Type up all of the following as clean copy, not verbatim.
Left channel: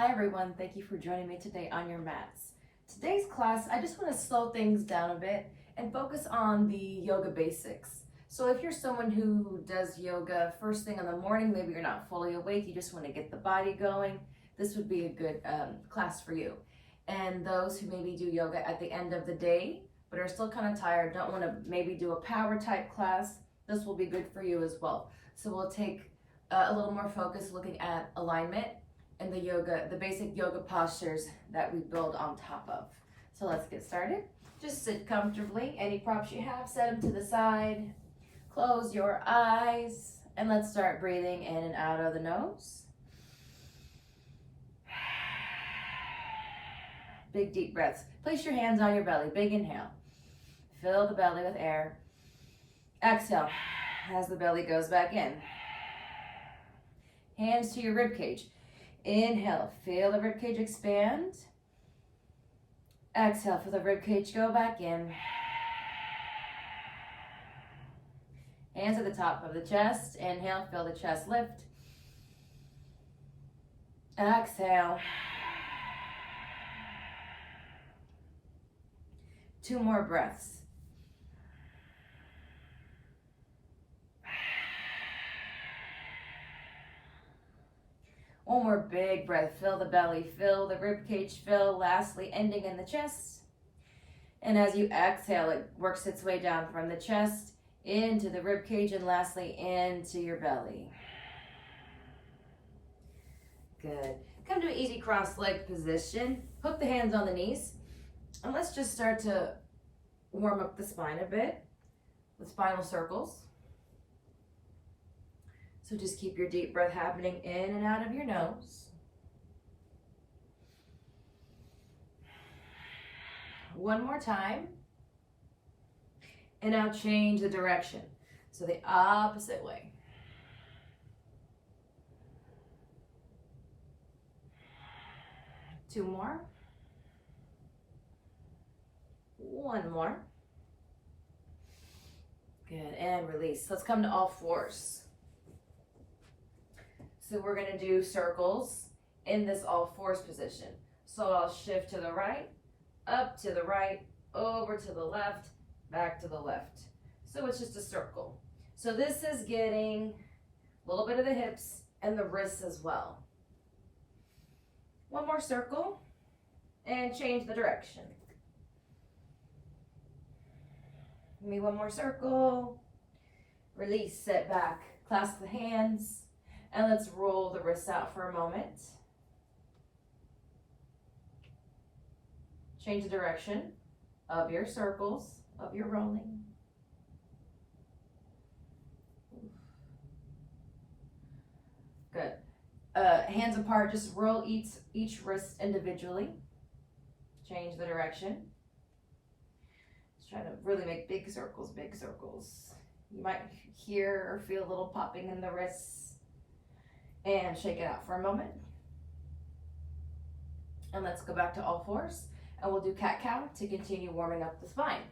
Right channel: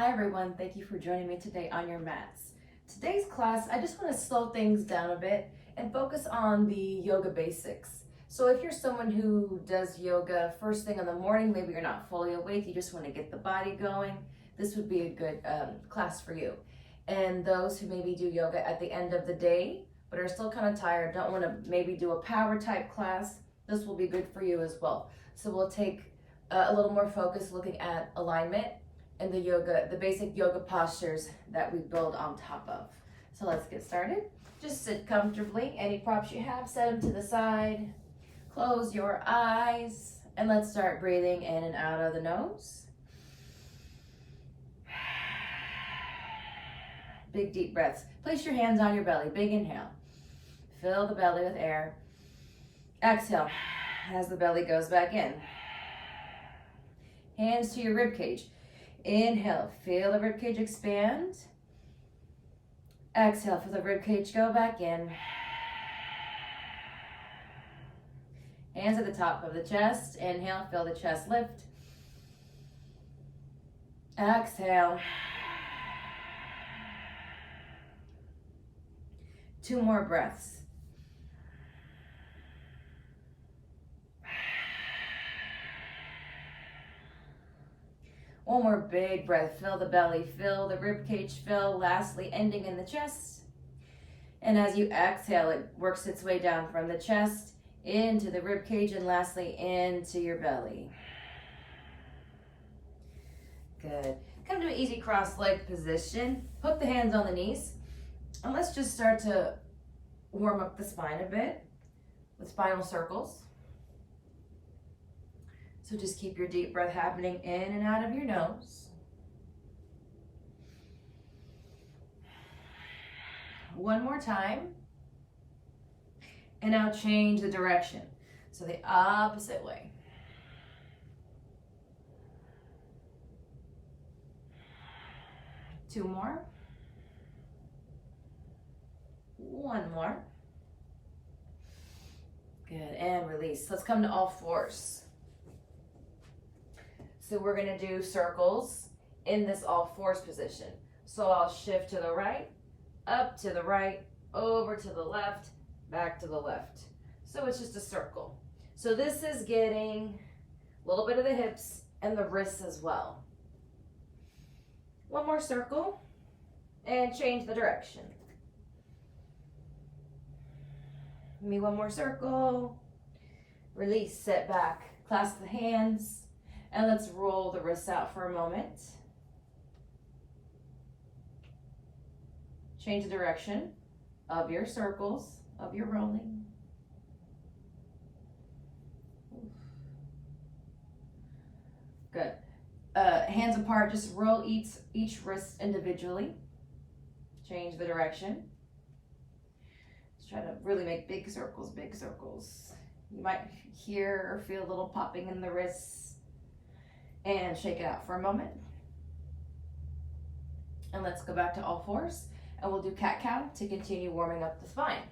Hi everyone, thank you for joining me today on your mats. Today's class, I just want to slow things down a bit and focus on the yoga basics. So if you're someone who does yoga first thing in the morning, maybe you're not fully awake, you just want to get the body going, this would be a good class for you. And those who maybe do yoga at the end of the day, but are still kind of tired, don't want to maybe do a power type class, this will be good for you as well. So we'll take a little more focus looking at alignment and the basic yoga postures that we build on top of. So let's get started. Just sit comfortably. Any props you have, set them to the side. Close your eyes and let's start breathing in and out of the nose. Big deep breaths. Place your hands on your belly. Big inhale. Fill the belly with air. Exhale as the belly goes back in. Hands to your rib cage. Inhale, feel the rib cage expand. Exhale, feel the rib cage go back in. Hands at the top of the chest. Inhale, feel the chest lift. Exhale. 2 more breaths. One more big breath. Fill the belly, fill the rib cage, fill. Lastly, ending in the chest. And as you exhale, it works its way down from the chest into the rib cage and lastly into your belly. Good. Come to an easy cross-leg position. Hook the hands on the knees. And let's just start to warm up the spine a bit with spinal circles. So just keep your deep breath happening in and out of your nose. One more time. And now change the direction. So the opposite way. Two more. One more. Good, and release. Let's come to all fours. So we're gonna do circles in this all fours position. So I'll shift to the right, up to the right, over to the left, back to the left. So it's just a circle. So this is getting a little bit of the hips and the wrists as well. One more circle and change the direction. Give me one more circle. Release, set back, clasp the hands. And let's roll the wrists out for a moment. Change the direction of your circles, of your rolling. Good. Hands apart, just roll each wrist individually. Change the direction. Just try to really make big circles, big circles. You might hear or feel a little popping in the wrists. And shake it out for a moment. And let's go back to all fours. And we'll do cat-cow to continue warming up the spine.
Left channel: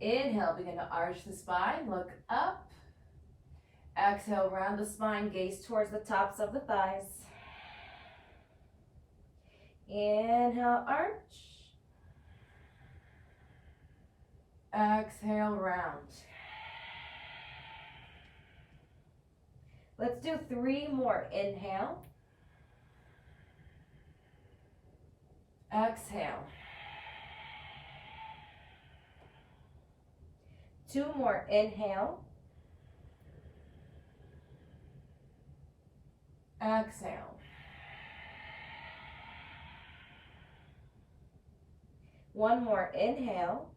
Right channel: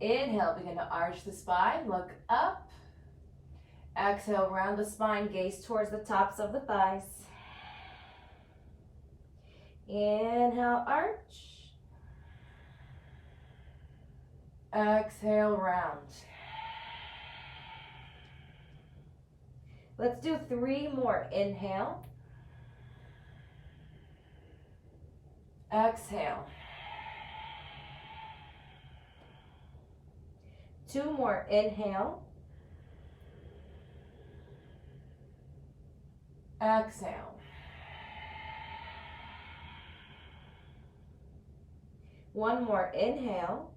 Inhale, begin to arch the spine, look up. Exhale, round the spine, gaze towards the tops of the thighs. Inhale, arch. Exhale, round. Let's do 3 more. Inhale. Exhale. 2 more. Inhale. Exhale. 1 more. Inhale.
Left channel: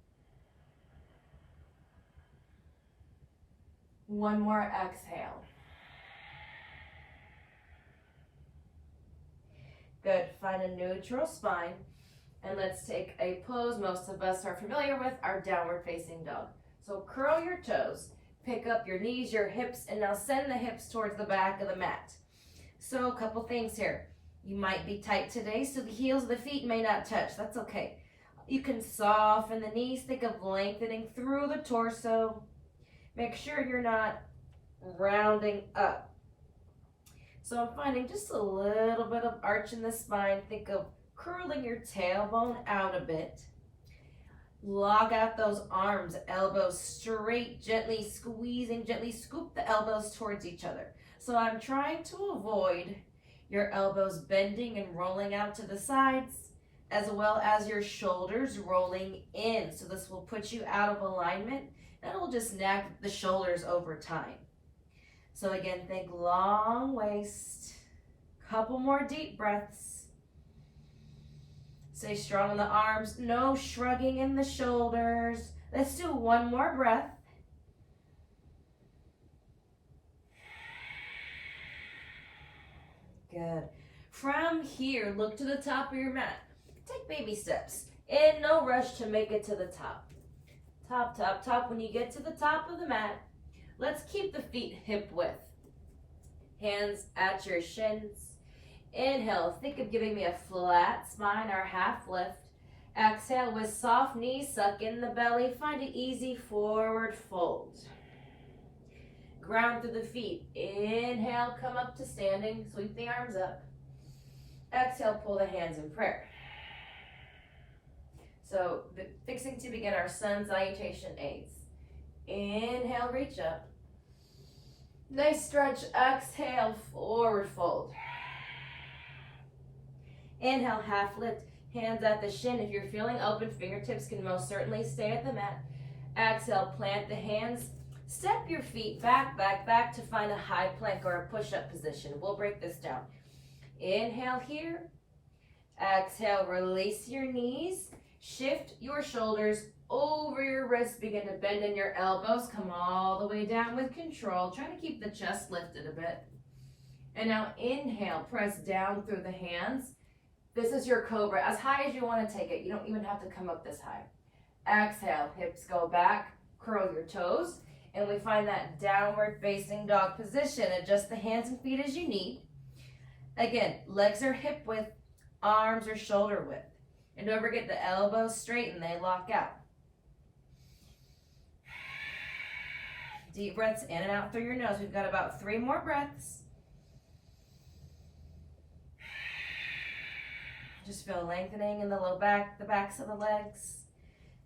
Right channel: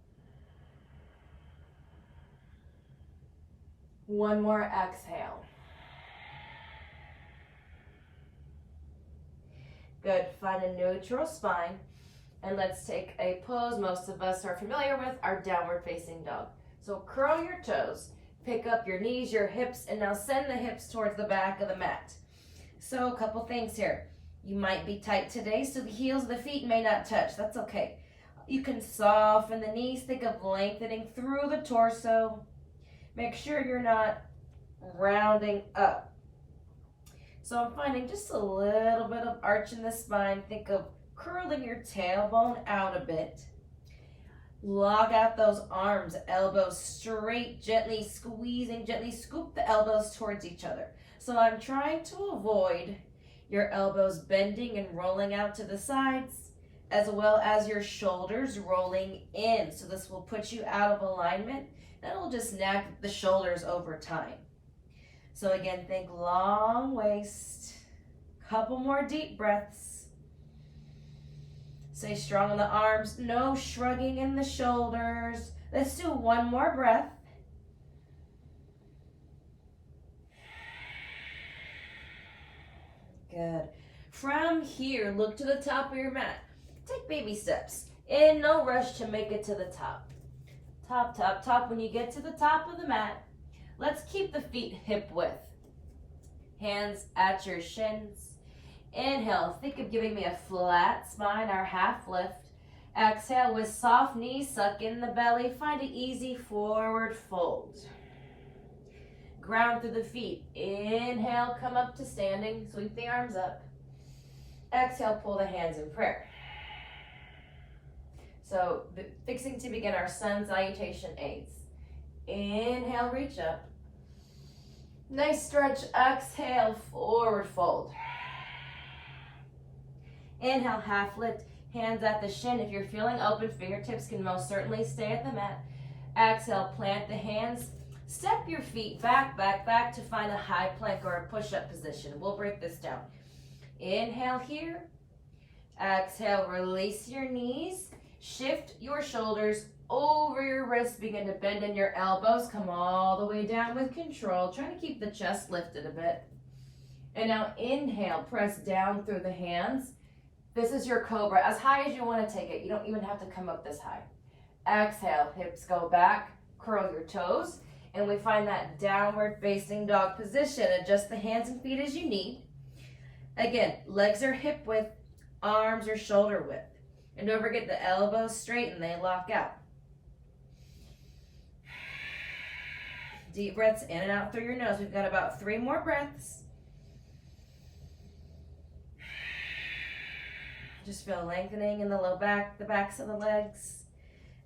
1 more. Exhale. Good, find a neutral spine, and let's take a pose most of us are familiar with, our downward facing dog. So curl your toes, pick up your knees, your hips, and now send the hips towards the back of the mat. So a couple things here. You might be tight today, so the heels of the feet may not touch, that's okay. You can soften the knees, think of lengthening through the torso. Make sure you're not rounding up. So I'm finding just a little bit of arch in the spine. Think of curling your tailbone out a bit. Lock out those arms, elbows straight, gently squeezing, gently scoop the elbows towards each other. So I'm trying to avoid your elbows bending and rolling out to the sides, as well as your shoulders rolling in. So this will put you out of alignment, and it'll just nag the shoulders over time. So again, think long waist. Couple more deep breaths. Stay strong in the arms, no shrugging in the shoulders. Let's do one more breath. Good. From here, look to the top of your mat. Take baby steps. In no rush to make it to the top. Top, top, top. When you get to the top of the mat, let's keep the feet hip width. Hands at your shins. Inhale, think of giving me a flat spine or half lift. Exhale with soft knees, suck in the belly. Find an easy forward fold. Ground through the feet. Inhale, come up to standing. Sweep the arms up. Exhale, pull the hands in prayer. So, fixing to begin our sun salutation aids. Inhale, reach up. Nice stretch. Exhale, forward fold. Inhale, half lift. Hands at the shin. If you're feeling open, fingertips can most certainly stay at the mat. Exhale, plant the hands. Step your feet back, back, back to find a high plank or a push-up position. We'll break this down. Inhale here. Exhale, release your knees. Shift your shoulders over your wrists. Begin to bend in your elbows. Come all the way down with control. Try to keep the chest lifted a bit. And now inhale, press down through the hands. This is your cobra, as high as you want to take it. You don't even have to come up this high. Exhale, hips go back, curl your toes, and we find that downward facing dog position. Adjust the hands and feet as you need. Again, legs are hip width, arms are shoulder width. And don't forget the elbows straighten, they lock out. Deep breaths in and out through your nose. We've got about 3 more breaths. Just feel lengthening in the low back, the backs of the legs.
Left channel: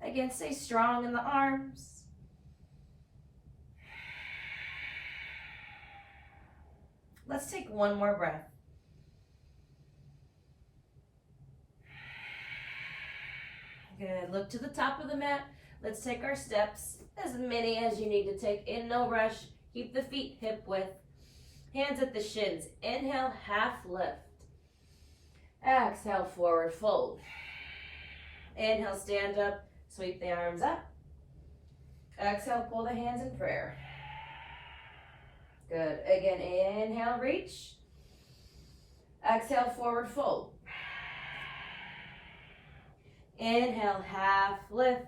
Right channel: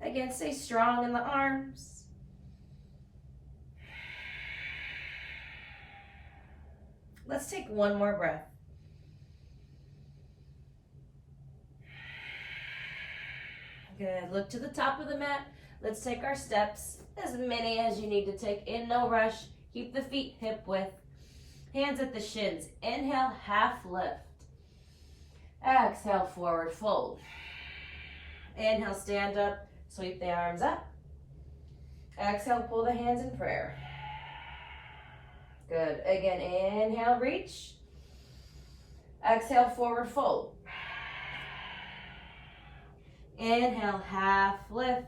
Again, stay strong in the arms. Let's take 1 more breath. Good. Look to the top of the mat. Let's take our steps, as many as you need to take in no rush. Keep the feet hip width. Hands at the shins. Inhale, half lift. Exhale, forward fold. Inhale, stand up, sweep the arms up. Exhale, pull the hands in prayer. Good. Again, inhale, reach. Exhale, forward fold. Inhale, half lift.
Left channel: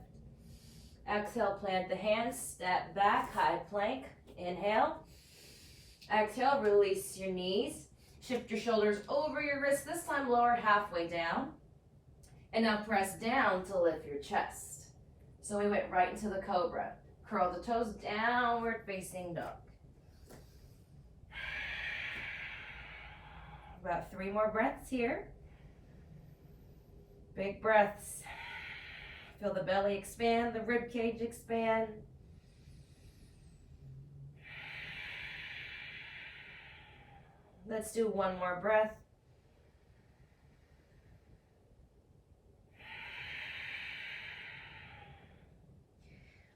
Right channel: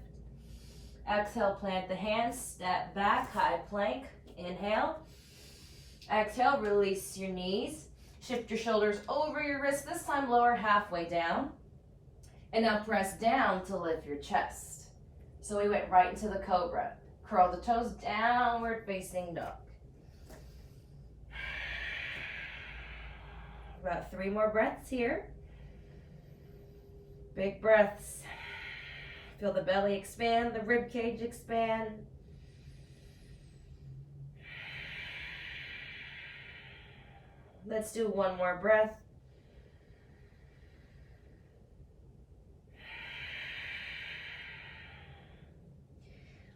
Exhale, plant the hands, step back, high plank. Inhale. Exhale, release your knees. Shift your shoulders over your wrists, this time lower halfway down. And now press down to lift your chest. So we went right into the cobra. Curl the toes, downward facing dog. About 3 more breaths here. Big breaths. Feel the belly expand, the rib cage expand. Let's do 1 more breath.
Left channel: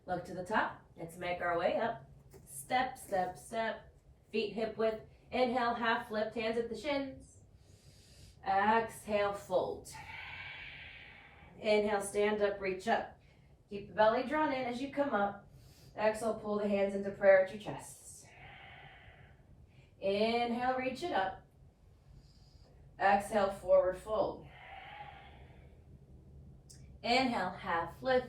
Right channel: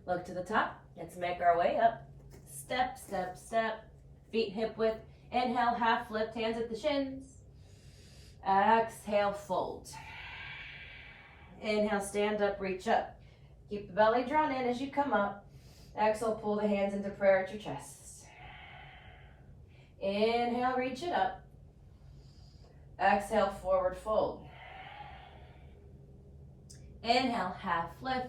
Look to the top. Let's make our way up. Step, step, step. Feet hip width. Inhale, half lift, hands at the shins. Exhale, fold. Inhale, stand up, reach up. Keep the belly drawn in as you come up. Exhale, pull the hands into prayer at your chest. Inhale, reach it up. Exhale, forward fold. Inhale, half lift.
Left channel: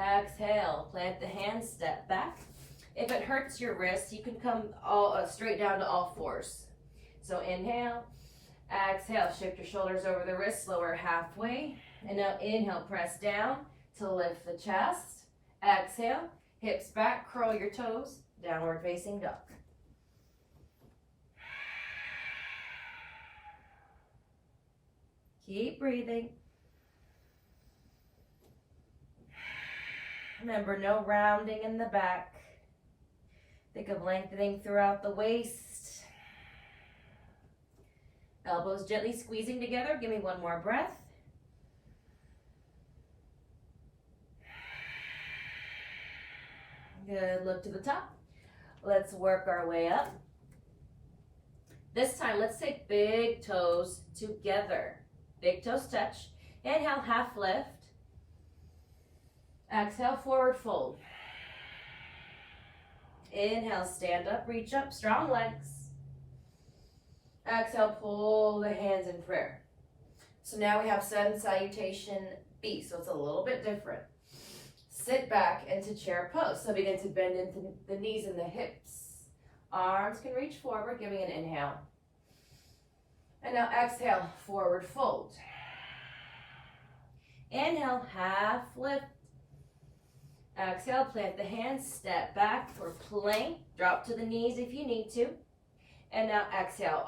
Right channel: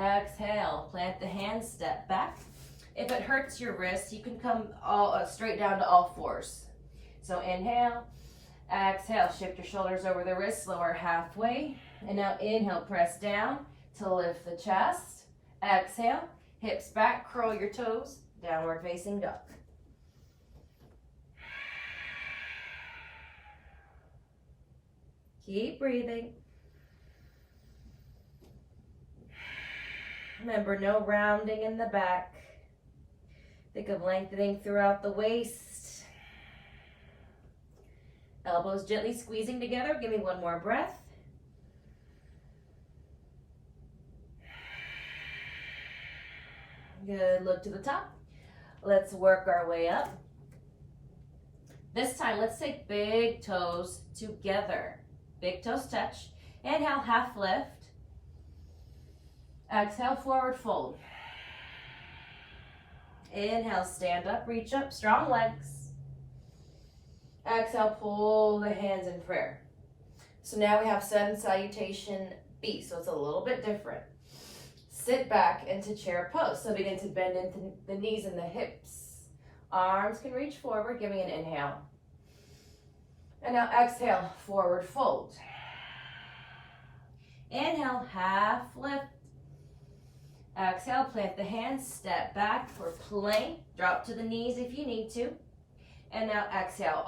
Exhale, plant the hands, step back. If it hurts your wrist, you can come straight down to all 4s. So inhale, exhale, shift your shoulders over the wrists, lower halfway. And now inhale, press down to lift the chest. Exhale, hips back, curl your toes, downward facing dog. Keep breathing. Remember, no rounding in the back. Think of lengthening throughout the waist. Elbows gently squeezing together. Give me one more breath. Good, look to the top. Let's work our way up. This time, let's take big toes together. Big toes touch. Inhale, half lift. Exhale, forward fold. Inhale, stand up, reach up, strong legs. Exhale, pull the hands in prayer. So now we have Sun Salutation B, so it's a little bit different. Sit back into chair pose. So begin to bend into the knees and the hips. Arms can reach forward. Give me an inhale. And now exhale, forward fold. Inhale, half lift. Exhale, plant the hands, step back for plank. Drop to the knees if you need to. And now exhale,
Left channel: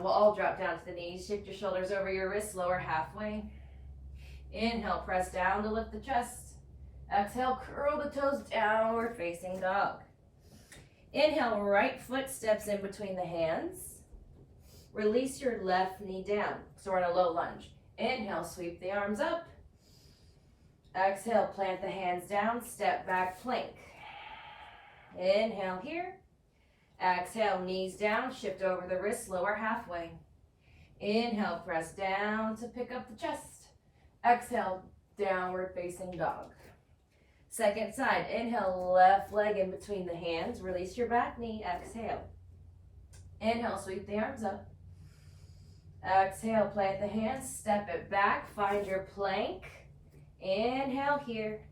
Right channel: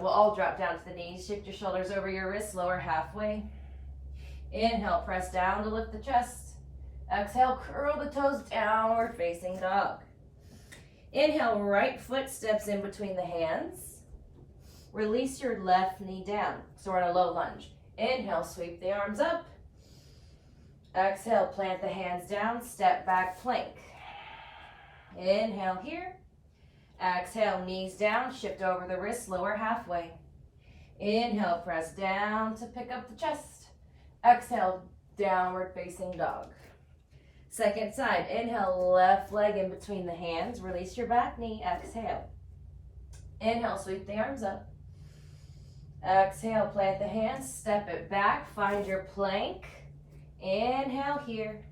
we'll all drop down to the knees. Shift your shoulders over your wrists, lower halfway. Inhale, press down to lift the chest. Exhale, curl the toes, downward facing dog. Inhale, right foot steps in between the hands. Release your left knee down. So we're in a low lunge. Inhale, sweep the arms up. Exhale, plant the hands down, step back, plank. Inhale here. Exhale, knees down, shift over the wrists, lower halfway. Inhale, press down to pick up the chest. Exhale, downward facing dog. Second side, inhale, left leg in between the hands. Release your back knee, exhale. Inhale, sweep the arms up. Exhale, plant the hands, step it back, find your plank. Inhale here.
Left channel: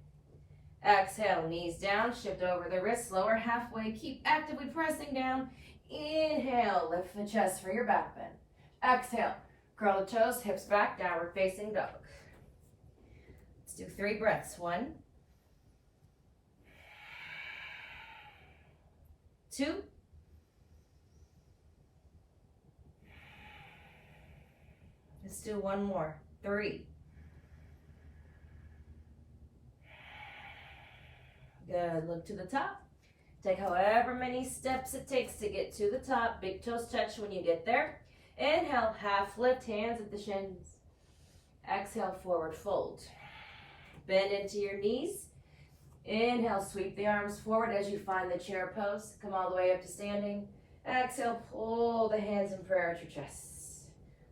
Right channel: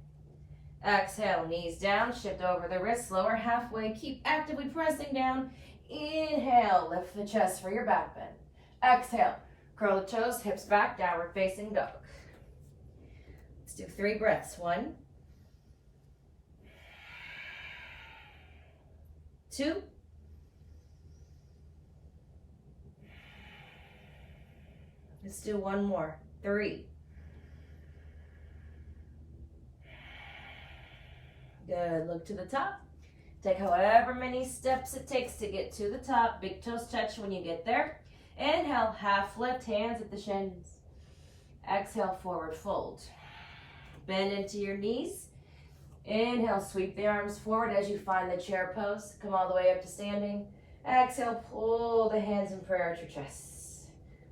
Exhale, knees down, shift over the wrists, lower halfway. Keep actively pressing down. Inhale, lift the chest for your back bend. Exhale, curl the toes, hips back, downward facing dog. Let's do 3 breaths. 1, 2, 'Let's do 1 more. 3. Good, look to the top. Take however many steps it takes to get to the top. Big toes touch when you get there. Inhale, half lift, hands at the shins. Exhale, forward fold. Bend into your knees. Inhale, sweep the arms forward as you find the chair pose. Come all the way up to standing. Exhale, pull the hands in prayer at your chest.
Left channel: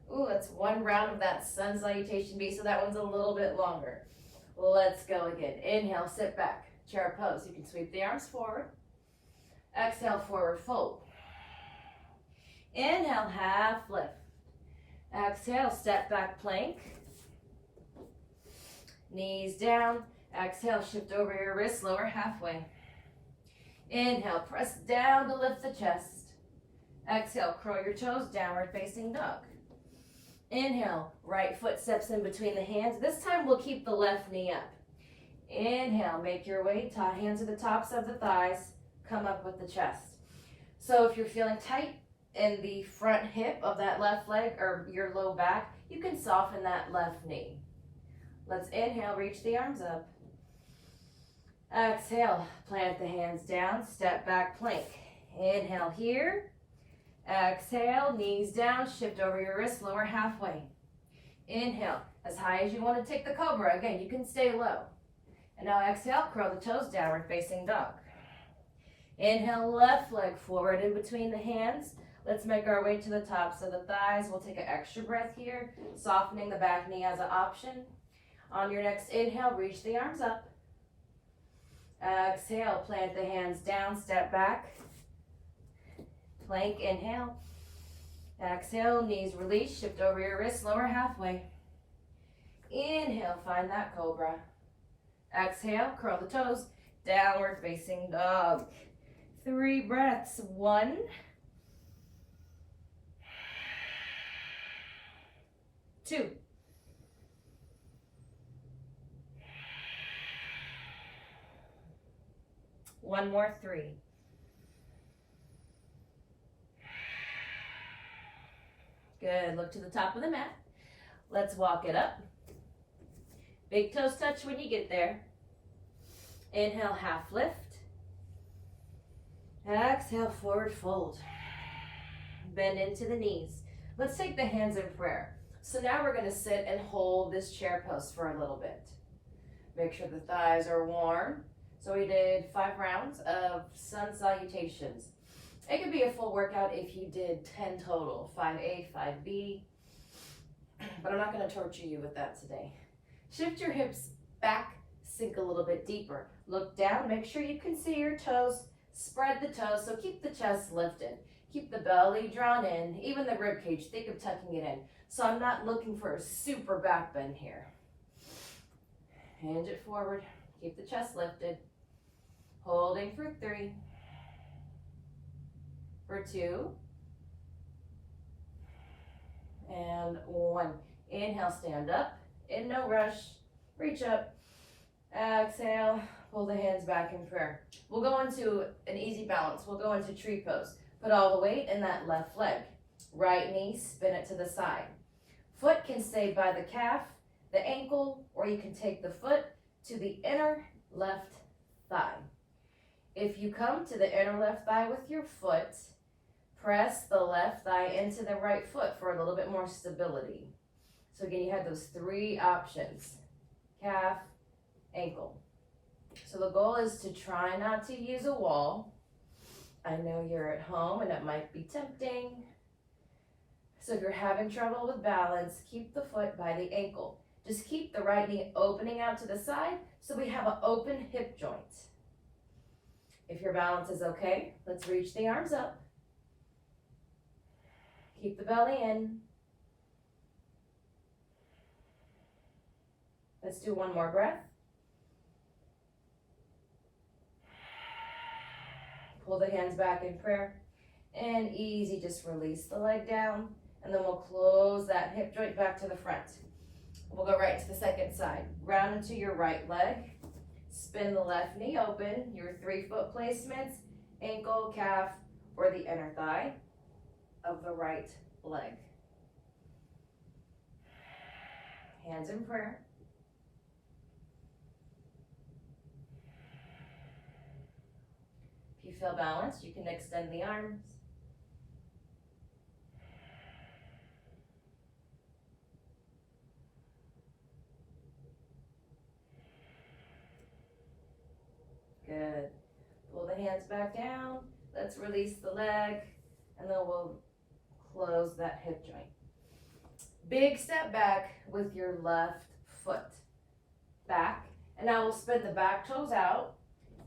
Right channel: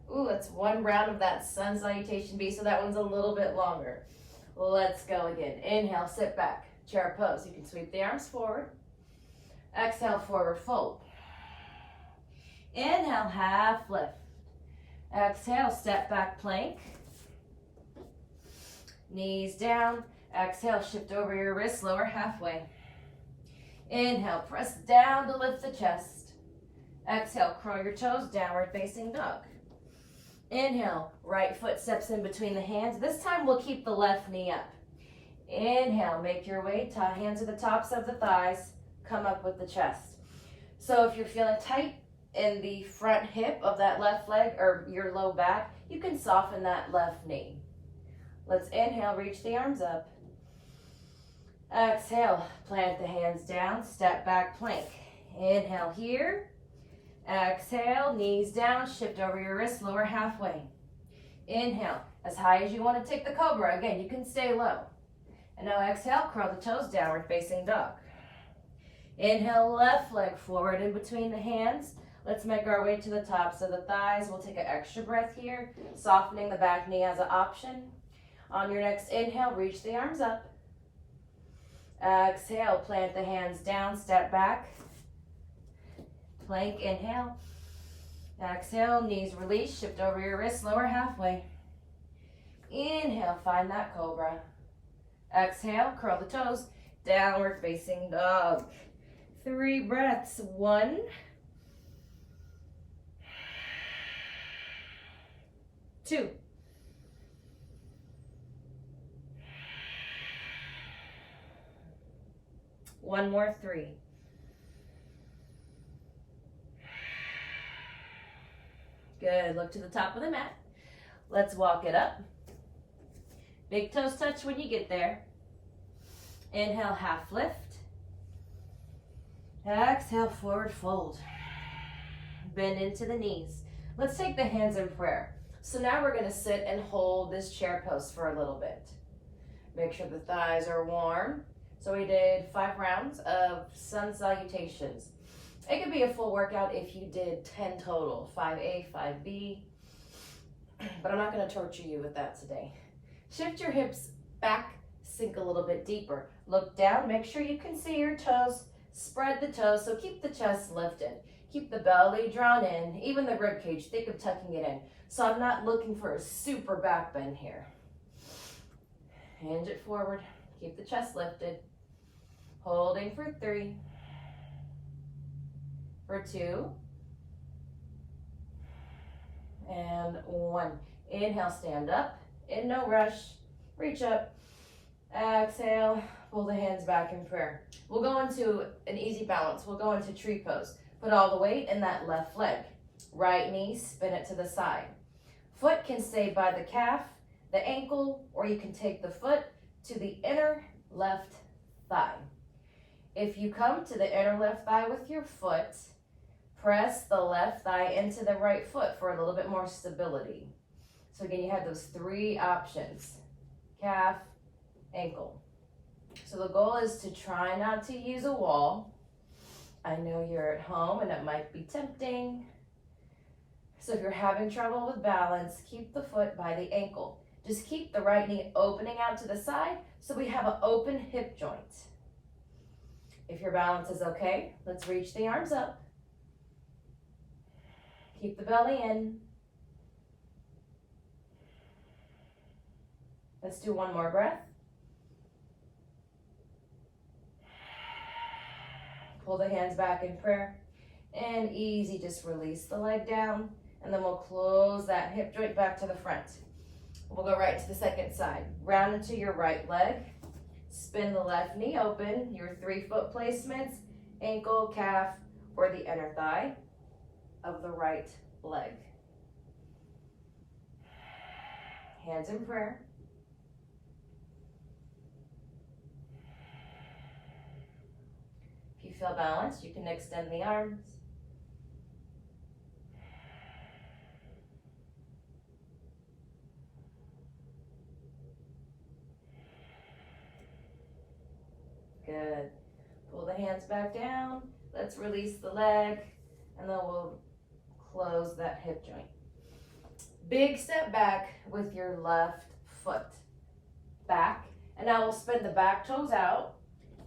Ooh, that's 1 round of that Sun Salutation B, so that one's a little bit longer. Let's go again. Inhale, sit back, chair pose. You can sweep the arms forward. Exhale, forward fold. Inhale, half lift. Exhale, step back plank. Knees down. Exhale, shift over your wrists, lower halfway. Inhale, press down to lift the chest. Exhale, curl your toes, downward facing dog. Inhale, right foot steps in between the hands. This time we'll keep the left knee up. Inhale, make your way, hands to the tops of the thighs, come up with the chest. So if you're feeling tight in the front hip of that left leg or your low back, you can soften that left knee. Let's inhale, reach the arms up. Exhale, plant the hands down, step back plank. Inhale here. Exhale, knees down, shift over your wrists, lower halfway. Inhale, as high as you want to take the cobra. Again, you can stay low. And now exhale, curl the toes, downward facing dog. Inhale, left leg forward in between the hands. Let's make our way to the tops of the thighs. We'll take an extra breath here, softening the back knee as an option. On your next inhale, reach the arms up. Exhale, plant the hands down, step back. Plank, inhale. Exhale, knees release, shift over your wrists, lower halfway. Inhale, find that cobra. Exhale, curl the toes, downward facing dog. 3 breaths. 1, 2, 1 more. 3. Good, look to the top of the mat. Let's walk it up. Big toes touch when you get there. Inhale, half lift. Exhale, forward fold. Bend into the knees. Let's take the hands in prayer. So now we're going to sit and hold this chair pose for a little bit. Make sure the thighs are warm. So we did 5 rounds of sun salutations. It could be a full workout if you did 10 total, 5A, 5B, but I'm not going to torture you with that today. Shift your hips back, sink a little bit deeper. Look down, make sure you can see your toes, spread the toes, so keep the chest lifted. Keep the belly drawn in, even the rib cage, think of tucking it in. So I'm not looking for a super back bend here. Hinge it forward, keep the chest lifted. Holding for 3, for 2, and 1. Inhale, stand up, in no rush, reach up, exhale, pull the hands back in prayer. We'll go into an easy balance. We'll go into tree pose. Put all the weight in that left leg. Right knee, spin it to the side. Foot can stay by the calf, the ankle, or you can take the foot to the inner left thigh. If you come to the inner left thigh with your foot, press the left thigh into the right foot for a little bit more stability. So again, you have those 3 options: calf, ankle. So the goal is to try not to use a wall. I know you're at home and it might be tempting. So if you're having trouble with balance, keep the foot by the ankle. Just keep the right knee opening out to the side so we have an open hip joint. If your balance is okay, let's reach the arms up. Keep the belly in. Let's do one more breath. Pull the hands back in prayer. And easy, just release the leg down. And then we'll close that hip joint back to the front. We'll go right to the second side. Round into your right leg. Spin the left knee open, your 3-foot placements, ankle, calf, or the inner thigh of the right leg. Hands in prayer. If you feel balanced, you can extend the arms. Good. Pull the hands back down. Let's release the leg, and then we'll close that hip joint. Big step back with your left foot. Back. And now we'll spin the back toes out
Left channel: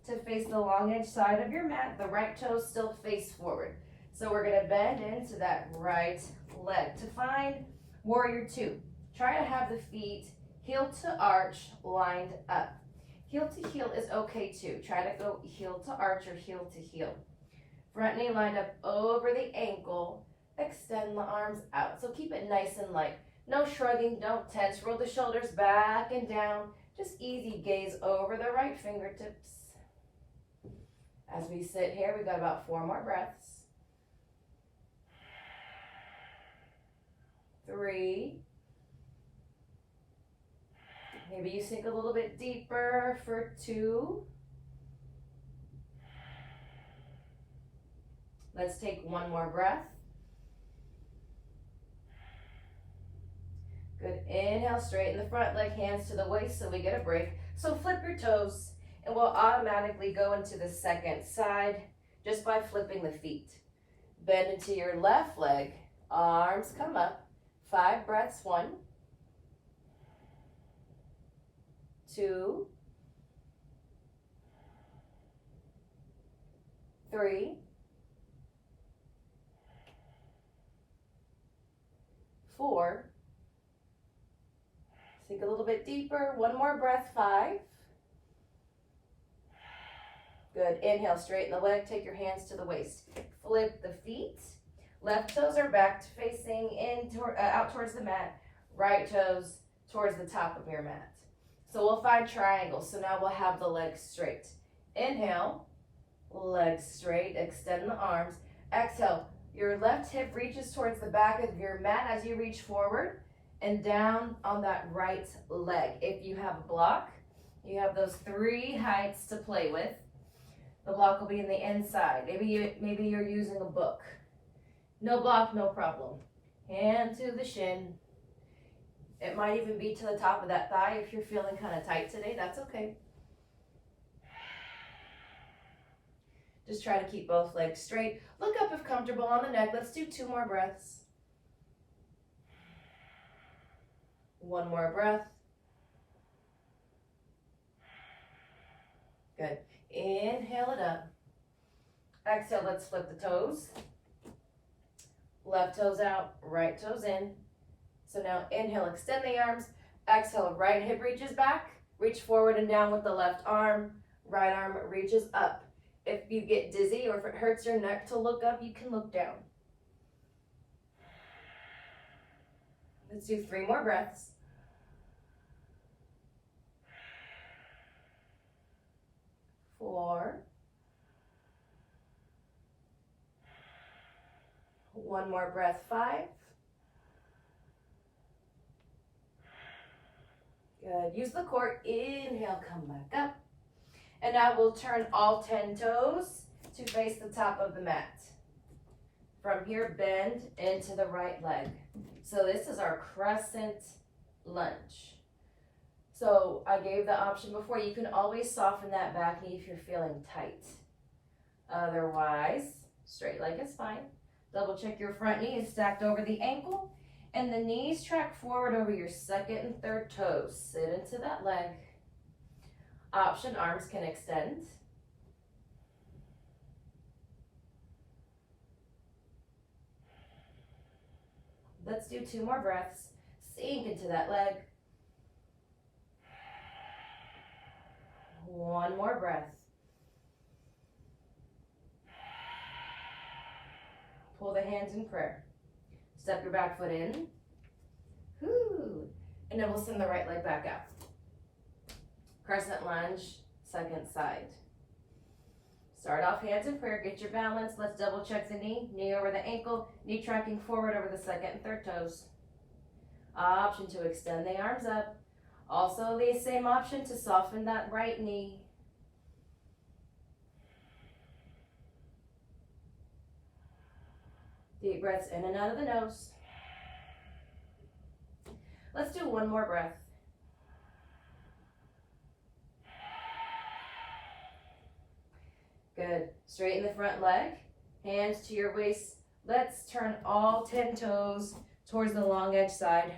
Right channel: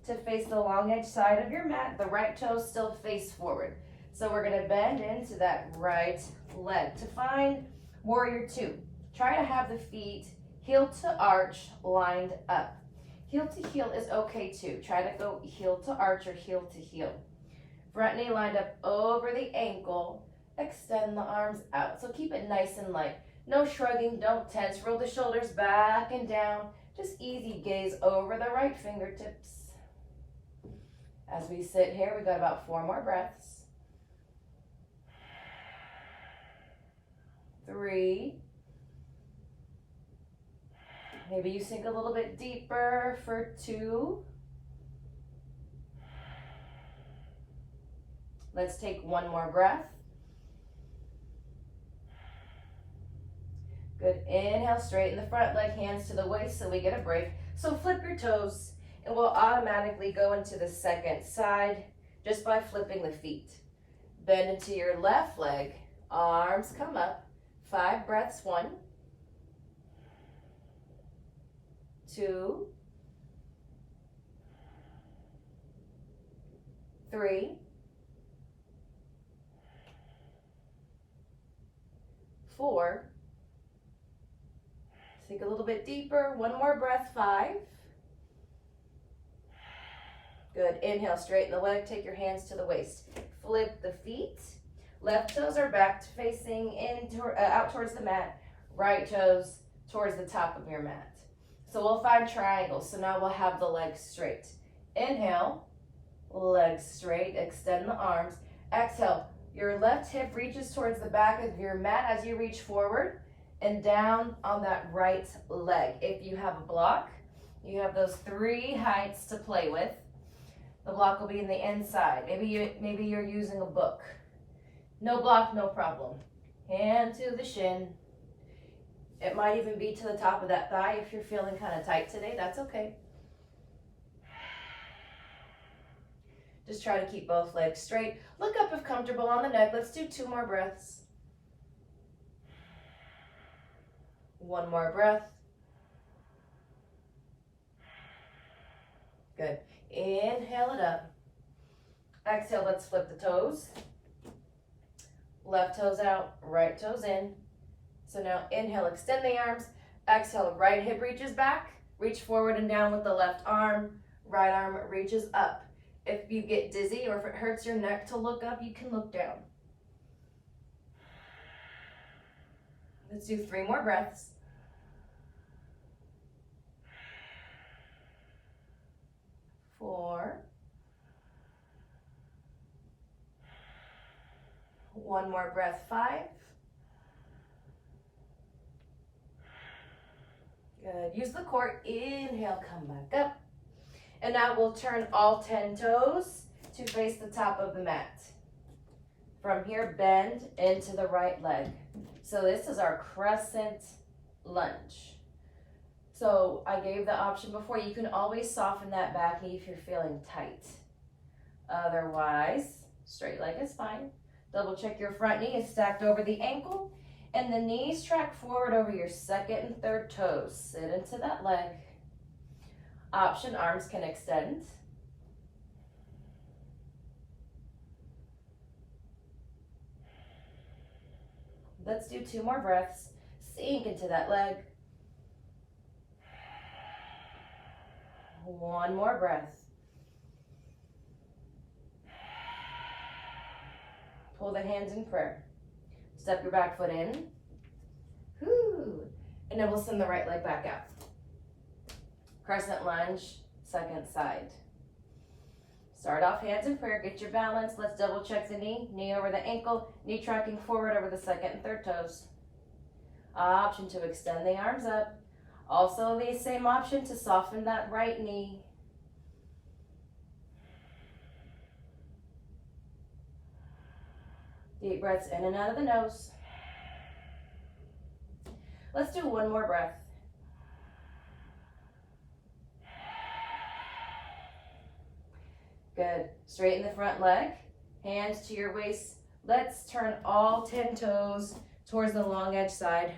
to face the long edge side of your mat. The right toes still face forward. So we're going to bend into that right leg to find warrior 2. Try to have the feet heel to arch lined up. Heel to heel is okay too. Try to go heel to arch or heel to heel. Front knee lined up over the ankle. Extend the arms out. So keep it nice and light. No shrugging, don't tense. Roll the shoulders back and down. Just easy gaze over the right fingertips. As we sit here, we've got about 4 more breaths. 3. Maybe you sink a little bit deeper for 2. Let's take 1 more breath. Good. Inhale, straighten the front leg, hands to the waist so we get a break. So flip your toes and we'll automatically go into the second side just by flipping the feet. Bend into your left leg, arms come up. 5 breaths. 1, 2, 3, 4. Sink a little bit deeper. 1 more breath. 5. Good. Inhale, straighten the leg. Take your hands to the waist. Flip the feet. Left toes are back to facing out towards the mat. Right toes towards the top of your mat. So we'll find triangles. So now we'll have the legs straight. Inhale, legs straight. Extend the arms. Exhale, your left hip reaches towards the back of your mat as you reach forward. and down on that right leg. If you have a block, you have those 3 heights to play with. The block will be in the inside. Maybe you're using a book. No block, no problem. Hand to the shin. It might even be to the top of that thigh if you're feeling kind of tight today. That's okay. Just try to keep both legs straight. Look up if comfortable on the neck. Let's do 2 more breaths. 1 more breath. Good. Inhale it up. Exhale, let's flip the toes. Left toes out, right toes in. So now inhale, extend the arms. Exhale, right hip reaches back. Reach forward and down with the left arm. Right arm reaches up. If you get dizzy or if it hurts your neck to look up, you can look down. Let's do 3 more breaths. 4. 1 more breath, 5. Good. Use the core. Inhale, come back up. And now we'll turn all 10 toes to face the top of the mat. From here, bend into the right leg. So this is our crescent lunge. So I gave the option before. You can always soften that back knee if you're feeling tight. Otherwise, straight leg is fine. Double check your front knee is stacked over the ankle. And the knees track forward over your second and third toes. Sit into that leg. Option, arms can extend. Let's do 2 more breaths. Sink into that leg. 1 more breath. Pull the hands in prayer. Step your back foot in. Whoo. And then we'll send the right leg back out. Crescent lunge, second side. Start off hands in prayer, get your balance. Let's double check the knee. Knee over the ankle, knee tracking forward over the second and third toes. Option to extend the arms up. Also the same option to soften that right knee. Deep breaths in and out of the nose. Let's do 1 more breath. Good. Straighten the front leg. Hands to your waist. Let's turn all 10 toes towards the long edge side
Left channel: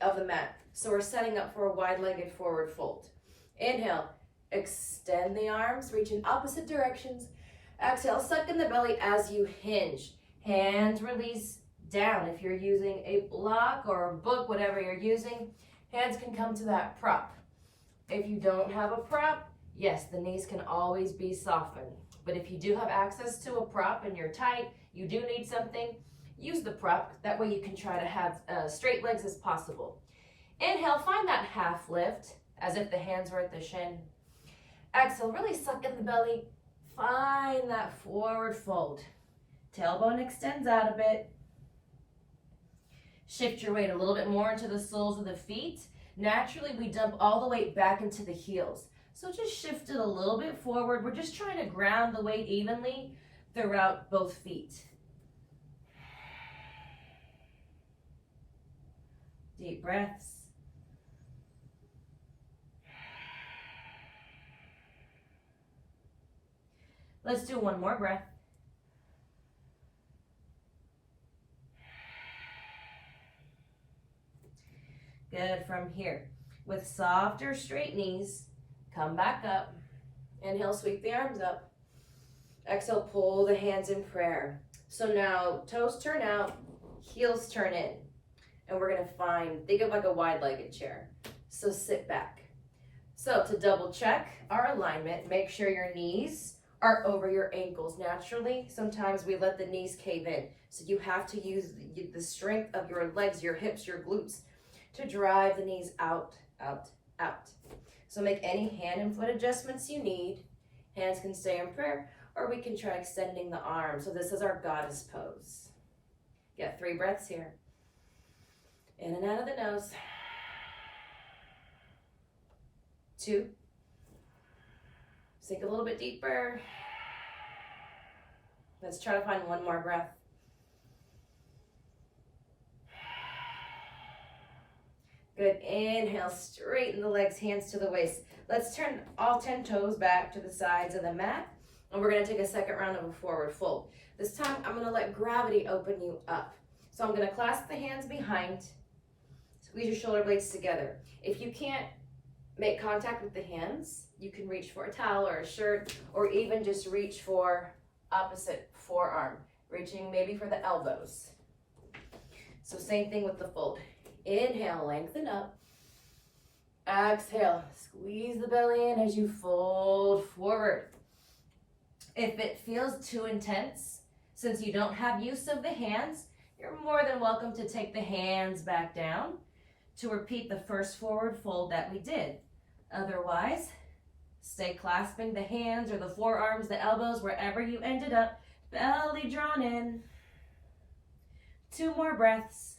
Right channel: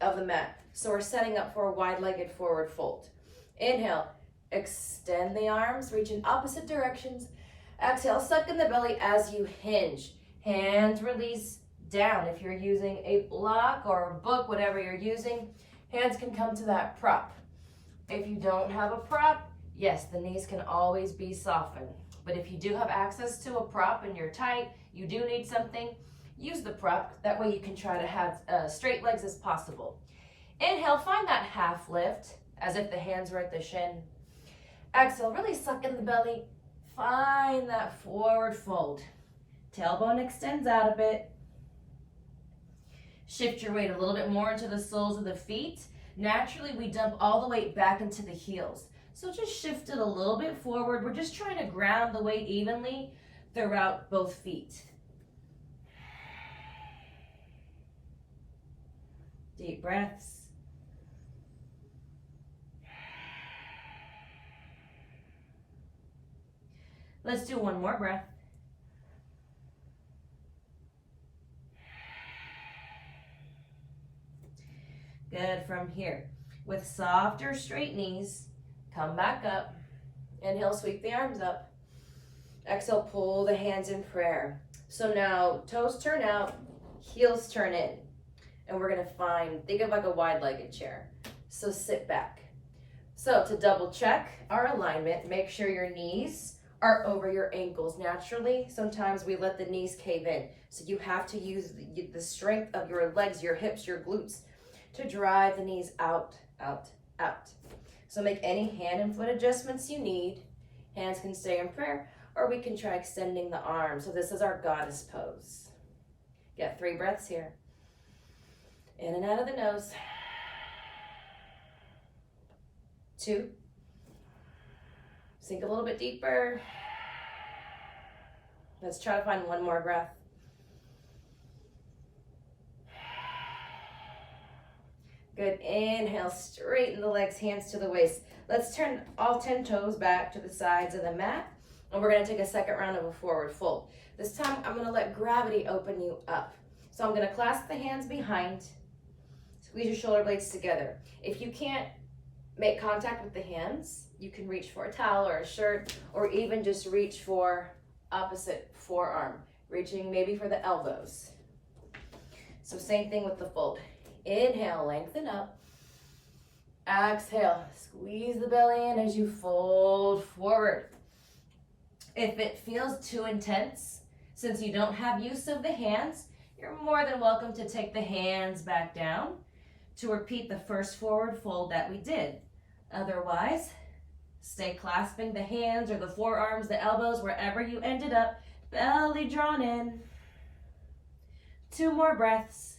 of the mat. So we're setting up for a wide-legged forward fold. Inhale. Extend the arms. Reach in opposite directions. Exhale. Suck in the belly as you hinge. Hands release down. If you're using a block or a book, whatever you're using, hands can come to that prop. If you don't have a prop, yes, the knees can always be softened. But if you do have access to a prop and you're tight, you do need something, use the prop. That way you can try to have straight legs as possible. Inhale, find that half lift as if the hands were at the shin. Exhale, really suck in the belly. Find that forward fold. Tailbone extends out a bit. Shift your weight a little bit more into the soles of the feet. Naturally, we dump all the weight back into the heels. So just shift it a little bit forward. We're just trying to ground the weight evenly throughout both feet. Deep breaths. Let's do 1 more breath. Good. From here, with softer straight knees, come back up. Inhale, sweep the arms up. Exhale, pull the hands in prayer. So now toes turn out, heels turn in. And we're gonna think of like a wide-legged chair. So sit back. So to double check our alignment, make sure your knees are over your ankles. Naturally, sometimes we let the knees cave in. So you have to use the strength of your legs, your hips, your glutes to drive the knees out, out, out. So make any hand and foot adjustments you need. Hands can stay in prayer, or we can try extending the arms. So this is our goddess pose. Get 3 breaths here. In and out of the nose. 2. Sink a little bit deeper. Let's try to find one more breath. Good. Inhale, straighten the legs, hands to the waist. Let's turn all 10 toes back to the sides of the mat. And we're going to take a second round of a forward fold. This time, I'm going to let gravity open you up. So I'm going to clasp the hands behind. Squeeze your shoulder blades together. If you can't make contact with the hands, you can reach for a towel or a shirt, or even just reach for opposite forearm, reaching maybe for the elbows. So same thing with the fold. Inhale, lengthen up. Exhale, squeeze the belly in as you fold forward. If it feels too intense, since you don't have use of the hands, you're more than welcome to take the hands back down to repeat the first forward fold that we did. Otherwise, stay clasping the hands or the forearms, the elbows, wherever you ended up, belly drawn in. 2 more breaths.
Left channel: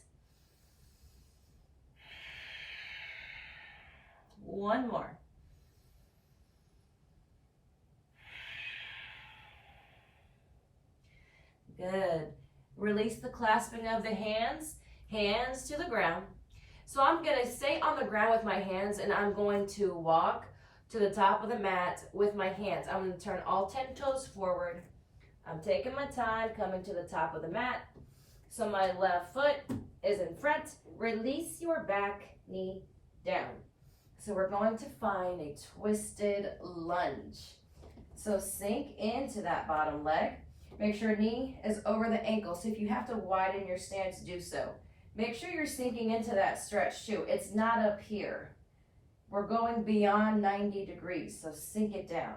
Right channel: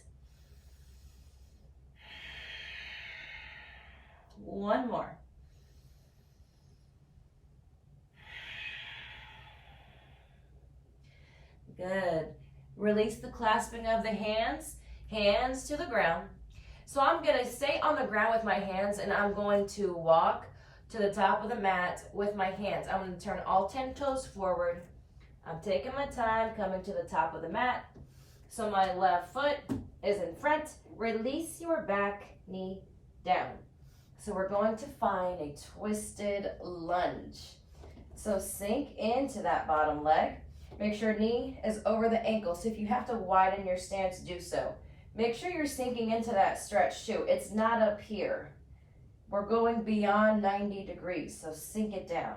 1 more. Good. Release the clasping of the hands, hands to the ground. So I'm going to stay on the ground with my hands, and I'm going to walk to the top of the mat with my hands. I'm going to turn all 10 toes forward. I'm taking my time coming to the top of the mat. So my left foot is in front. Release your back knee down. So we're going to find a twisted lunge. So sink into that bottom leg. Make sure knee is over the ankle. So if you have to widen your stance, do so. Make sure you're sinking into that stretch too. It's not up here. We're going beyond 90 degrees, so sink it down.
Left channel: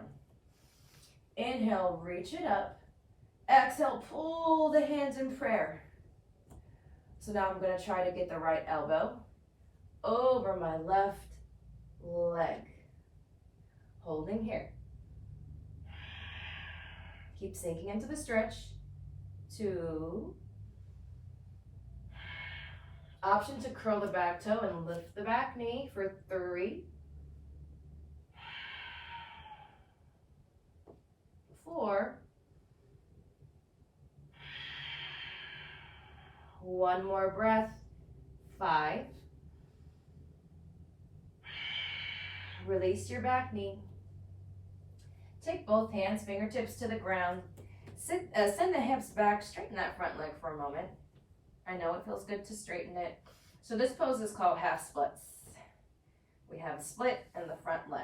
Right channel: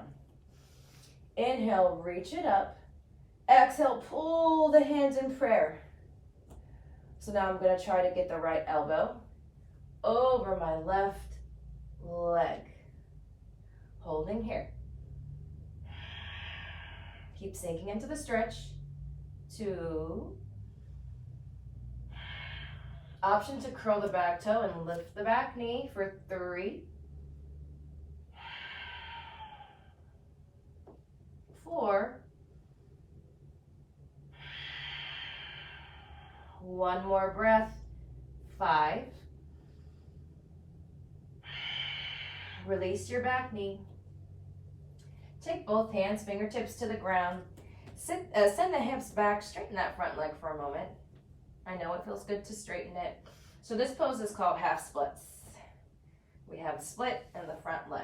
Inhale, reach it up. Exhale, pull the hands in prayer. So now I'm going to try to get the right elbow over my left leg. Holding here. Keep sinking into the stretch. 2. Option to curl the back toe and lift the back knee for 3. 4. 1 more breath. 5. Release your back knee. Take both hands, fingertips to the ground. Send the hips back, straighten that front leg for a moment. I know it feels good to straighten it. So this pose is called half splits. We have a split in the front leg.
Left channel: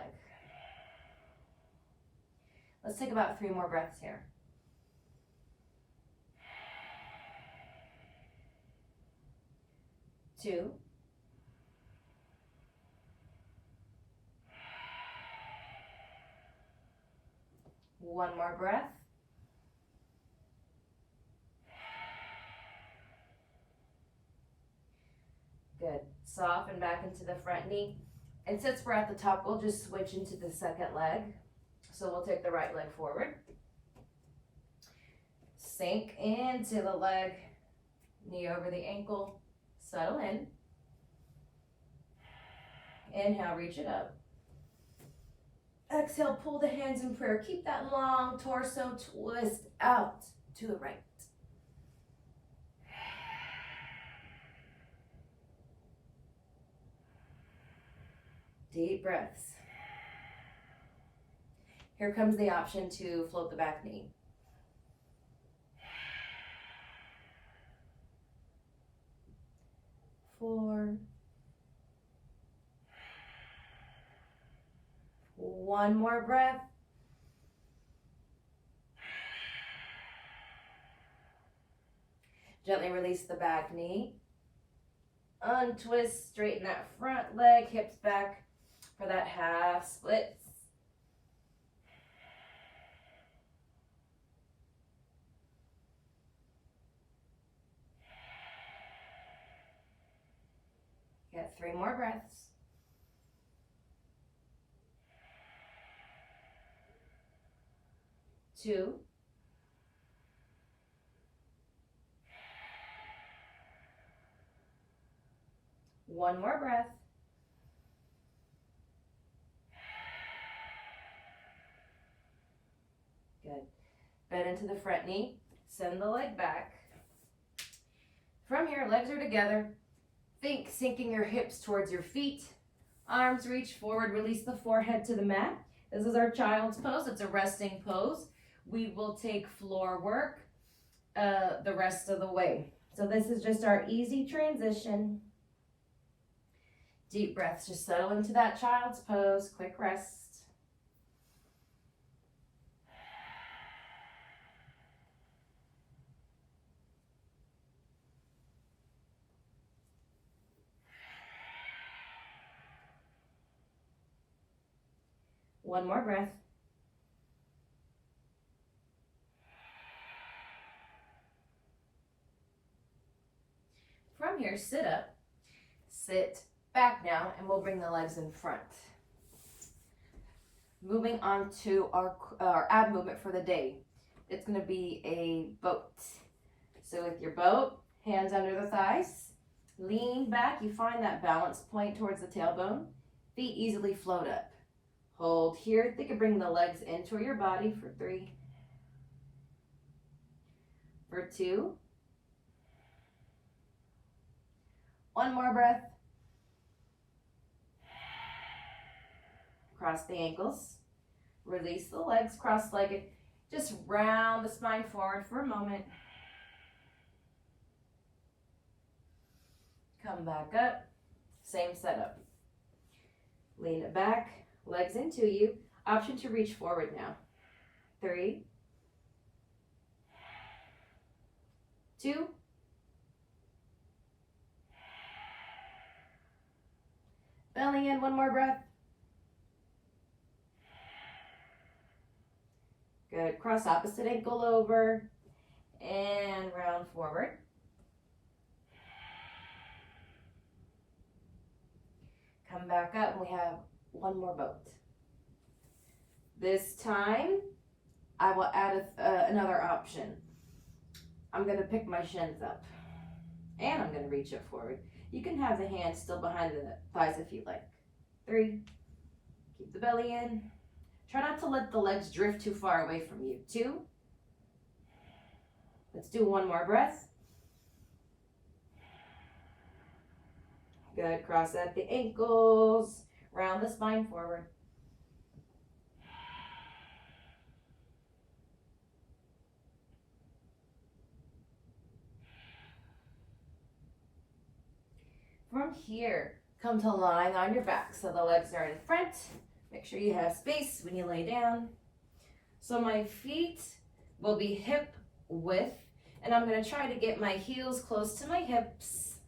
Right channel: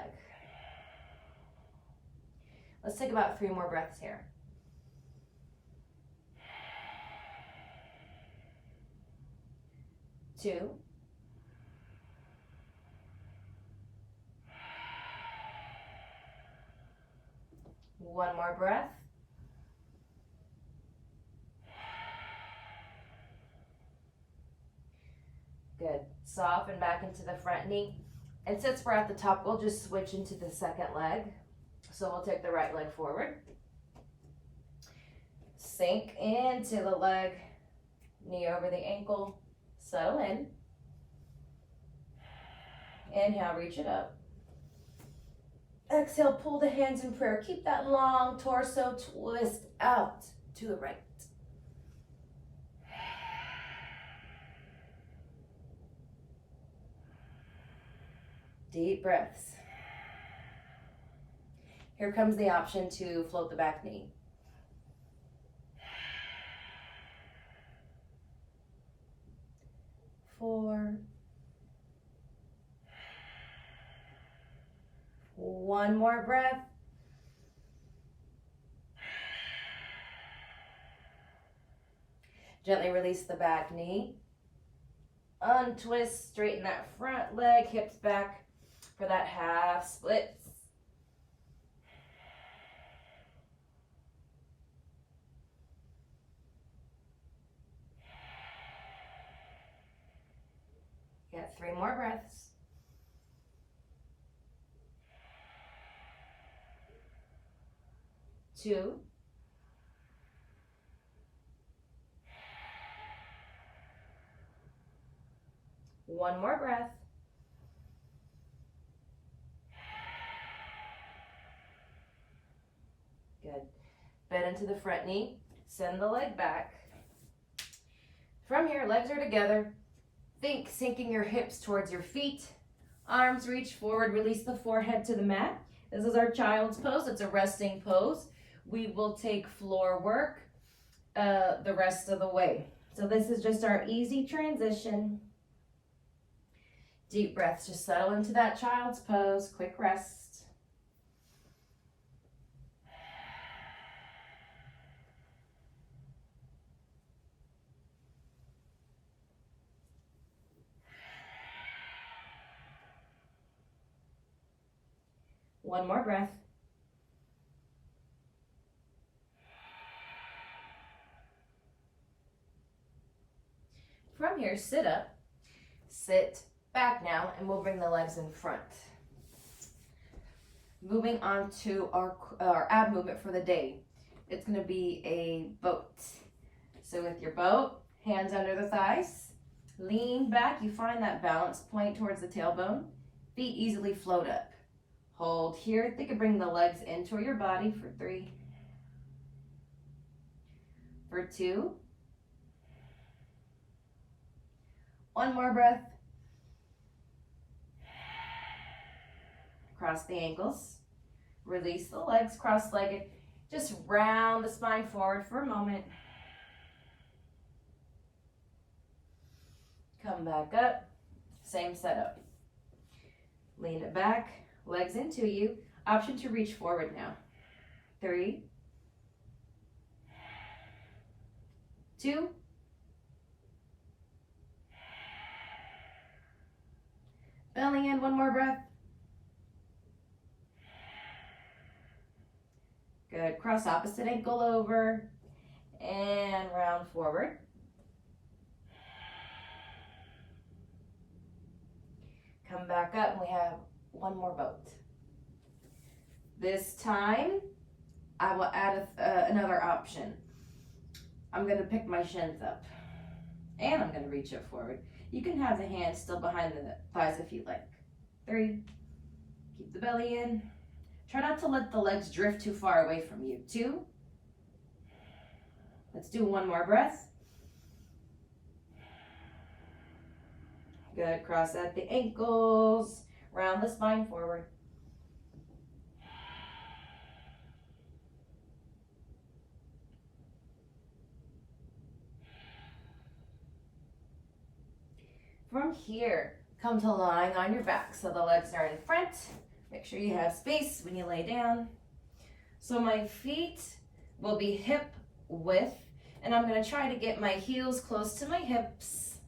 Let's take about 3 more breaths here. 2. 1 more breath. Good. Soften back into the front knee. And since we're at the top, we'll just switch into the second leg. So we'll take the right leg forward. Sink into the leg, knee over the ankle, settle in. Inhale, reach it up. Exhale, pull the hands in prayer. Keep that long torso twist out to the right. Deep breaths. Here comes the option to float the back knee. 4. 1 more breath. Gently release the back knee. Untwist, straighten that front leg, hips back for that half splits. Got 3 more breaths. 2. One more breath. Good. Bend into the front knee. Send the leg back. From here, legs are together. Think sinking your hips towards your feet. Arms reach forward. Release the forehead to the mat. This is our child's pose. It's a resting pose. We will take floor work the rest of the way. So this is just our easy transition. Deep breaths. Just settle into that child's pose. Quick rest. One more breath. From here, sit up, sit back now, and we'll bring the legs in front. Moving on to our ab movement for the day. It's going to be a boat. So with your boat, hands under the thighs, lean back. You find that balance point towards the tailbone. Feet easily float up. Hold here. Think of bringing the legs into your body for 3, for 2. One more breath. Cross the ankles. Release the legs cross-legged. Just round the spine forward for a moment. Come back up. Same setup. Lean it back. Legs into you. Option to reach forward now. 3, 2. Belly in, one more breath. Good. Cross opposite ankle over and round forward. Come back up and we have one more boat. This time, I will add another option. I'm going to pick my shins up and I'm going to reach it forward. You can have the hands still behind the thighs if you like. 3, keep the belly in. Try not to let the legs drift too far away from you. 2, let's do one more breath. Good, cross at the ankles, round the spine forward. From here, come to lying on your back. So the legs are in front. Make sure you have space when you lay down. So my feet will be hip width, and I'm gonna try to get my heels close to my hips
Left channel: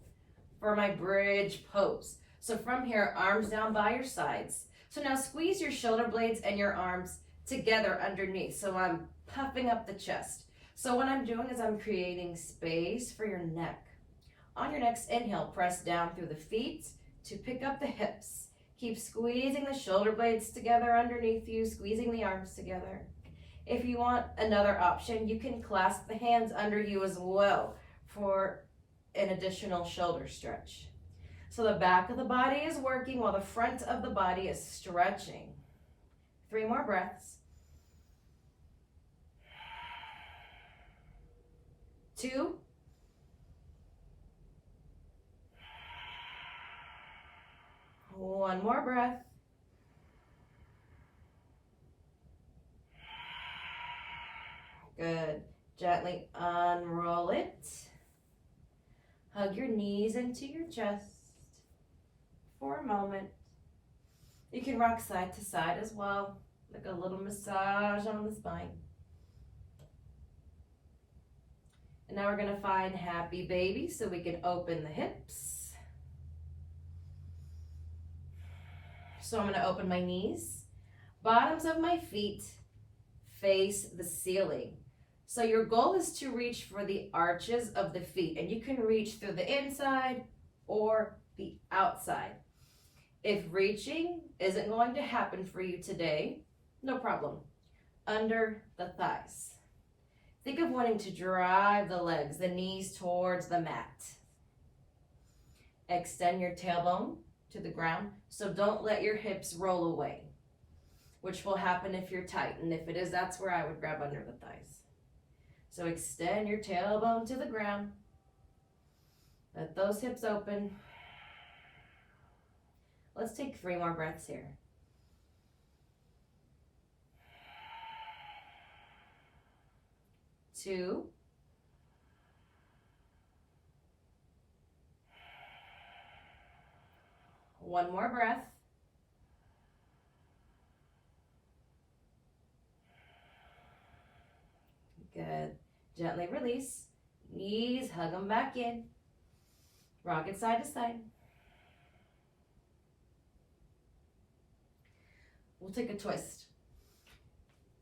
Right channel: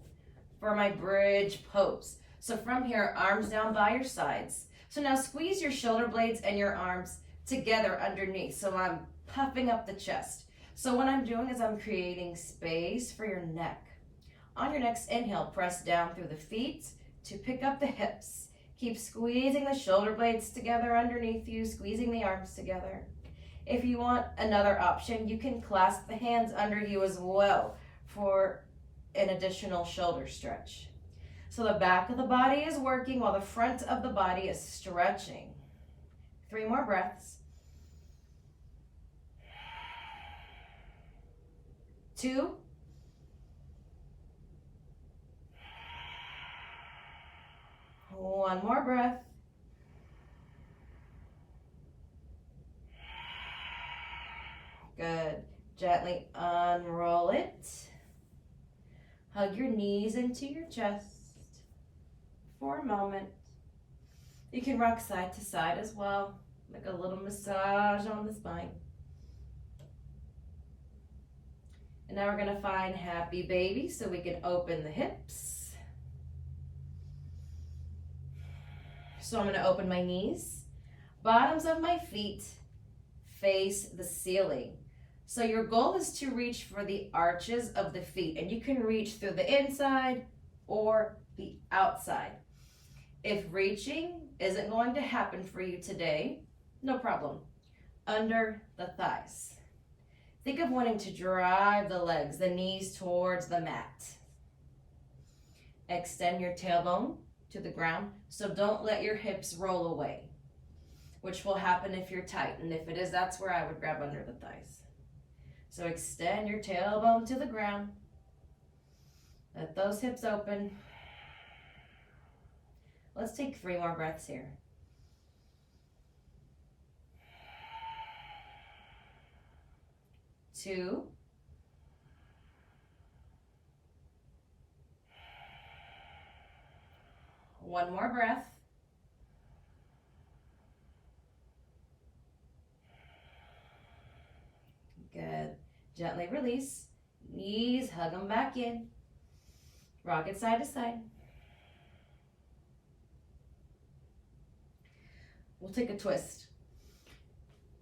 for my bridge pose. So from here, arms down by your sides. So now squeeze your shoulder blades and your arms together underneath. So I'm puffing up the chest. So what I'm doing is I'm creating space for your neck. On your next inhale, press down through the feet to pick up the hips. Keep squeezing the shoulder blades together underneath you, squeezing the arms together. If you want another option, you can clasp the hands under you as well for an additional shoulder stretch. So the back of the body is working while the front of the body is stretching. 3 more breaths. 2. One more breath. Good. Gently unroll it. Hug your knees into your chest for a moment. You can rock side to side as well, like a little massage on the spine. And now we're going to find happy baby, so we can open the hips. So I'm going to open my knees. Bottoms of my feet face the ceiling. So your goal is to reach for the arches of the feet, and you can reach through the inside or the outside. If reaching isn't going to happen for you today, no problem. Under the thighs. Think of wanting to drive the legs, the knees towards the mat. Extend your tailbone to the ground, so don't let your hips roll away, which will happen if you're tight, and if it is, that's where I would grab under the thighs. So extend your tailbone to the ground. Let those hips open. Let's take 3 more breaths here. 2. 1 more breath. Good. Gently release. Knees, hug them back in. Rock it side to side. We'll take a twist.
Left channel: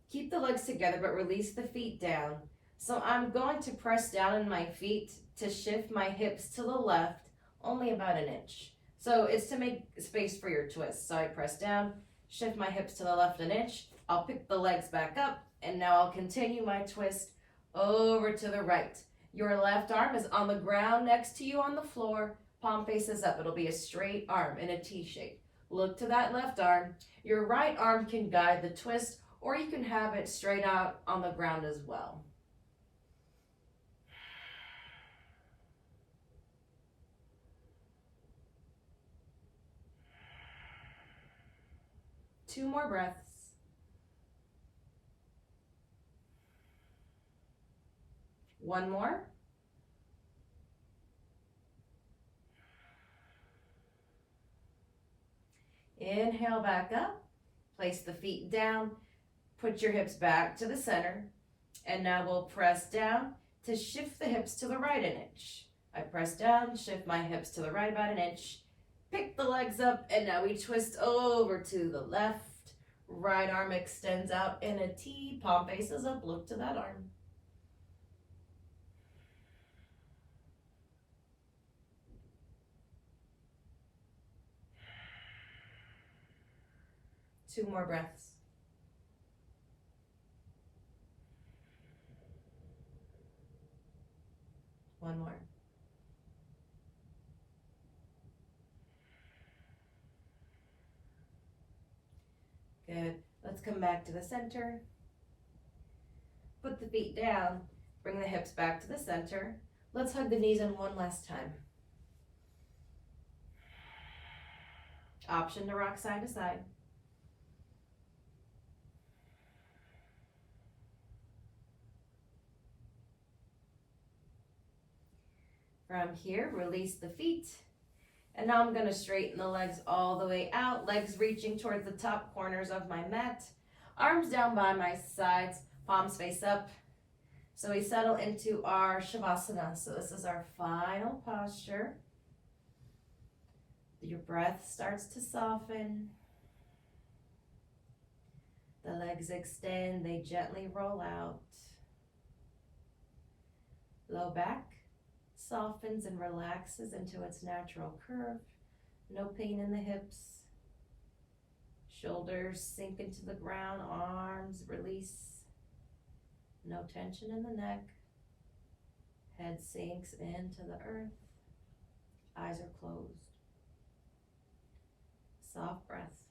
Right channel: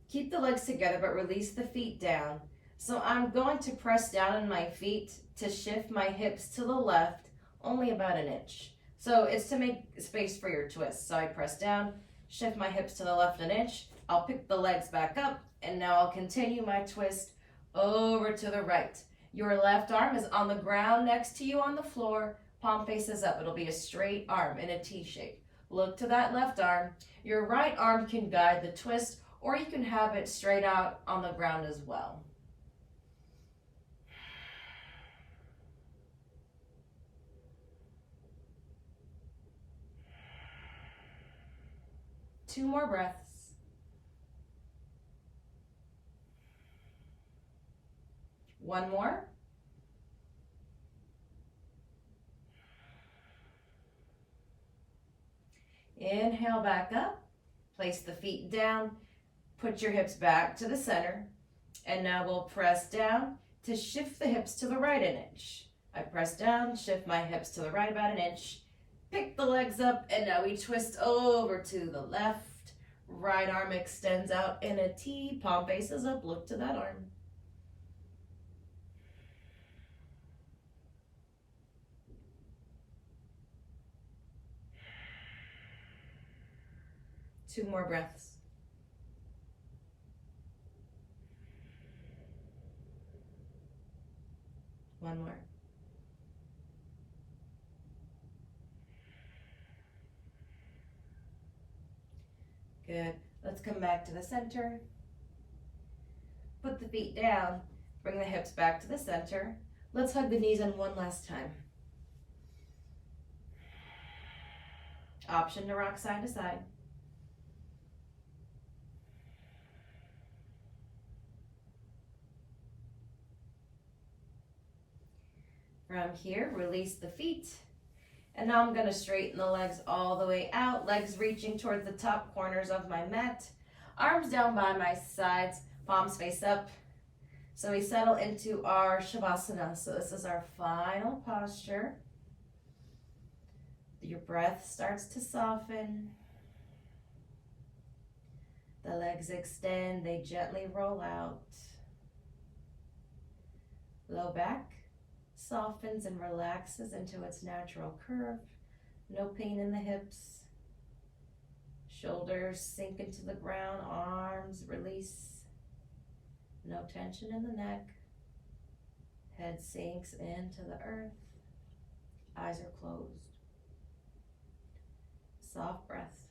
Keep the legs together, but release the feet down. So I'm going to press down in my feet to shift my hips to the left, only about an inch. So it's to make space for your twist. So I press down, shift my hips to the left an inch. I'll pick the legs back up, and now I'll continue my twist over to the right. Your left arm is on the ground next to you on the floor. Palm faces up. It'll be a straight arm in a T shape. Look to that left arm. Your right arm can guide the twist, or you can have it straight out on the ground as well. Two more breaths. One more. Inhale back up. Place the feet down. Put your hips back to the center. And now we'll press down to shift the hips to the right an inch. I press down, shift my hips to the right about an inch. Pick the legs up, and now we twist over to the left. Right arm extends out in a T. Palm faces up. Look to that arm. Two more breaths. One more. Good. Let's come back to the center. Put the feet down. Bring the hips back to the center. Let's hug the knees in one last time. Option to rock side to side. From here, release the feet. And now I'm going to straighten the legs all the way out, legs reaching towards the top corners of my mat. Arms down by my sides, palms face up. So we settle into our Shavasana. So this is our final posture. Your breath starts to soften. The legs extend, they gently roll out. Low back softens and relaxes into its natural curve. No pain in the hips. Shoulders sink into the ground, arms release. No tension in the neck. Head sinks into the earth. Eyes are closed. Soft breath.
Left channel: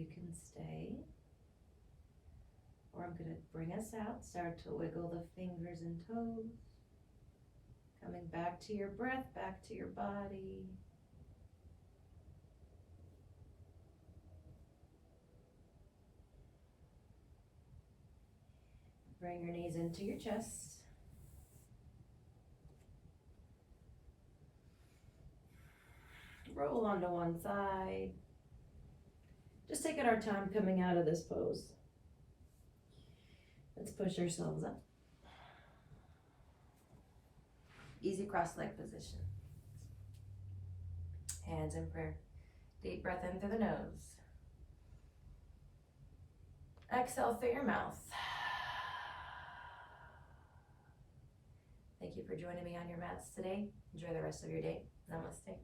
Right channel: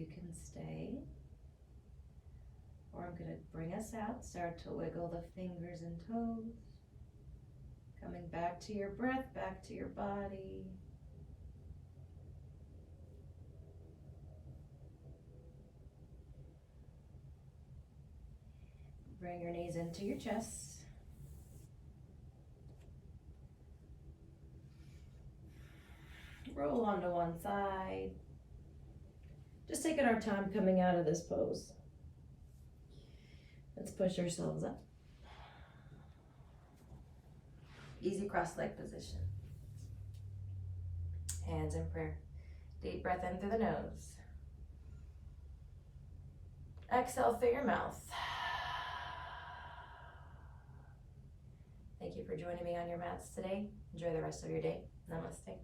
you can stay. Or I'm going to bring us out, start to wiggle the fingers and toes. Coming back to your breath, back to your body. Bring your knees into your chest. Roll onto one side. Just taking our time coming out of this pose. Let's push ourselves up. Easy cross-leg position. Hands in prayer. Deep breath in through the nose. Exhale through your mouth. Thank you for joining me on your mats today. Enjoy the rest of your day. Namaste.